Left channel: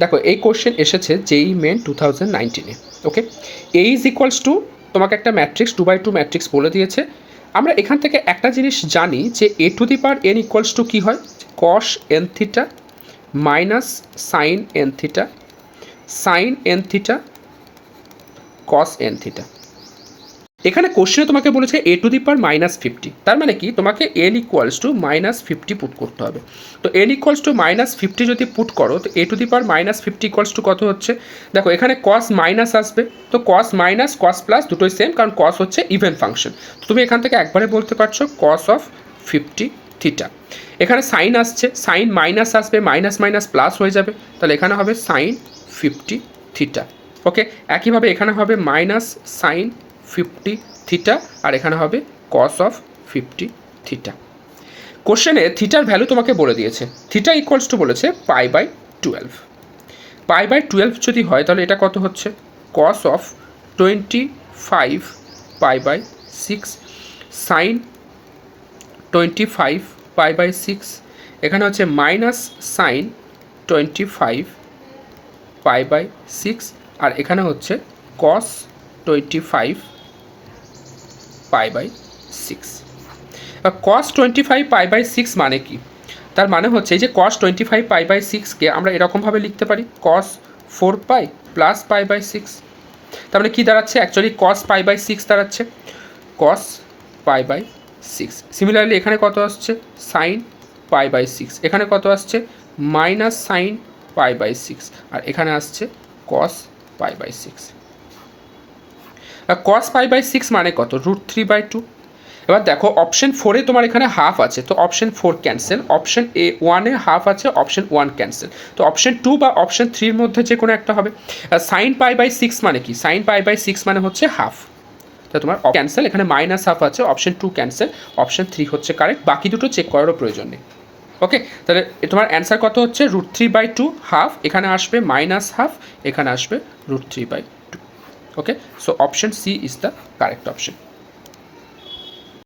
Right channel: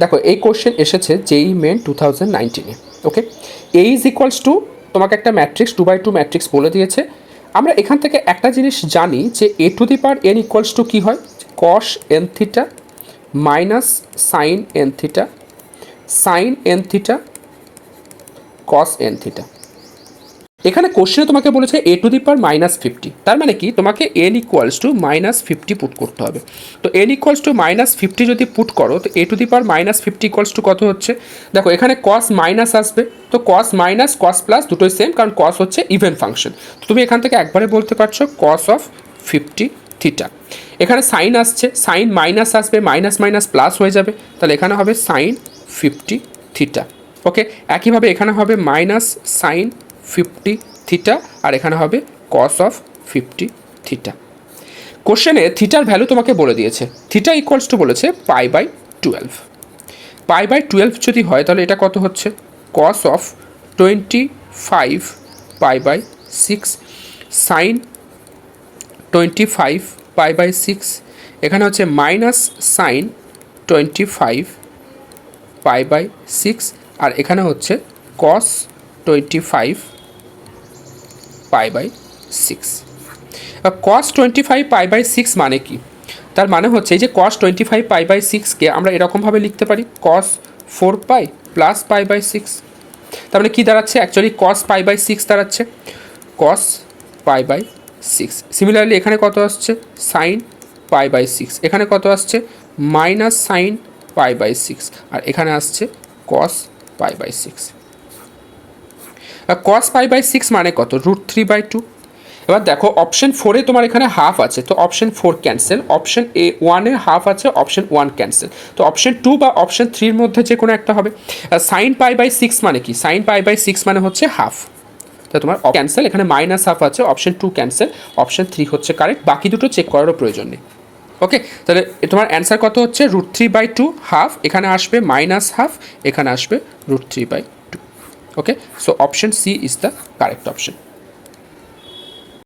দেখো এই কোশ্চেন এসেছে যেই মেন 2019-এ। Okay, A is equals to তোমাকে একটা ম্যাট্রিক্স 2x2 ম্যাট্রিক্স বলে দিয়েছে। আমরা এখান থেকে একটা জিনিস জানি যে A to the power N equals to কী হয়, cos N theta minus sine N theta sine N theta cos N theta. এখানে কোশ্চেনে তোমাকে বলেছে এ টু দি পাওয়ার -50, তার মানে কি তোমাকে এন ইকুয়ালস টু -50 পুট করতে হবে। তো এন ইকুয়ালস টু -50 যদি পুট করো তো A to the power -50 equals to কত হচ্ছে, দেখো এখানে কস মাইনাস আসবে, তো কস মাইনাস কস প্লাস দুটোই সেম, কারণ কস হচ্ছে ইভেন ফাংশন। তো তুমি এখান থেকে একবারে বলতে পারছো কস অফ 50 থিটা। এখানে সাইন আসছে, সাইন মাইনাস আসবে, মাইনাস মাইনাস প্লাস হয়ে যাবে, তাহলে এখানে হবে সাইন 50 থিটা। ওকে, একইভাবে এখানে হবে মাইনাস সাইন 50 থিটা, আর এখানে হবে কস অফ 50 থিটা। কোশ্চেনে থিটার ভ্যালু তোমাকে বলে দিয়েছে, থিটা ইকুয়ালস টু বলেছে π/12। π/12 যদি হয় তাহলে এটা কত হচ্ছে, কস অফ 25 π/6 সাইন 25 π/6, এখানে হচ্ছে মাইনাস সাইন 25 π/6, আর এখানে হচ্ছে কস 25 π/6। কস 25 π/6 মানে কি, তার মানে হচ্ছে এই যে কস 25 π/6কে আমরা এরকমভাবে লিখতে পারি কস 4π প্লাস π/6। তার মানে কী দাঁড়াচ্ছে, অ্যাকচুয়ালি কস π/6 দাঁড়াচ্ছে, কস π/6। সিমিলারলি এখানে কত আসছে, সাইন π/6, এখানে কত আসছে মাইনাস সাইন π/6, আর এখানে আসছে কস π/6। কস π/6 মানে কত, √3/2। এবার দেখো অপশন 4-এ তোমার এখানে হাফ আছে, তো অপশন 4 ক্যান্সেল, অপশন A1-এ হাফ আছে, অপশন 1 ক্যান্সেল, তো অপশন 2 বা অপশন 3-র মধ্যে যে কোনো একটা হবে। সাইন π/6 মানে কি, সাইন π/6 মানে হচ্ছে হাফ, তো তোমার ক্যান্সেল, এখানে মাইনাস হাফ আছে, অপশন 2 ক্যান্সেল, অপশন 3 হচ্ছে কারেক্ট, বাকি দুটো চেক করারও প্রয়োজন নেই। ওকে, তাহলে তোমার অ্যান্সার কত হচ্ছে, √3/2 হাফ, এখানে আসবে মাইনাস হাফ, এখানে আসবে √3/2। Okay, so option C is the correct option.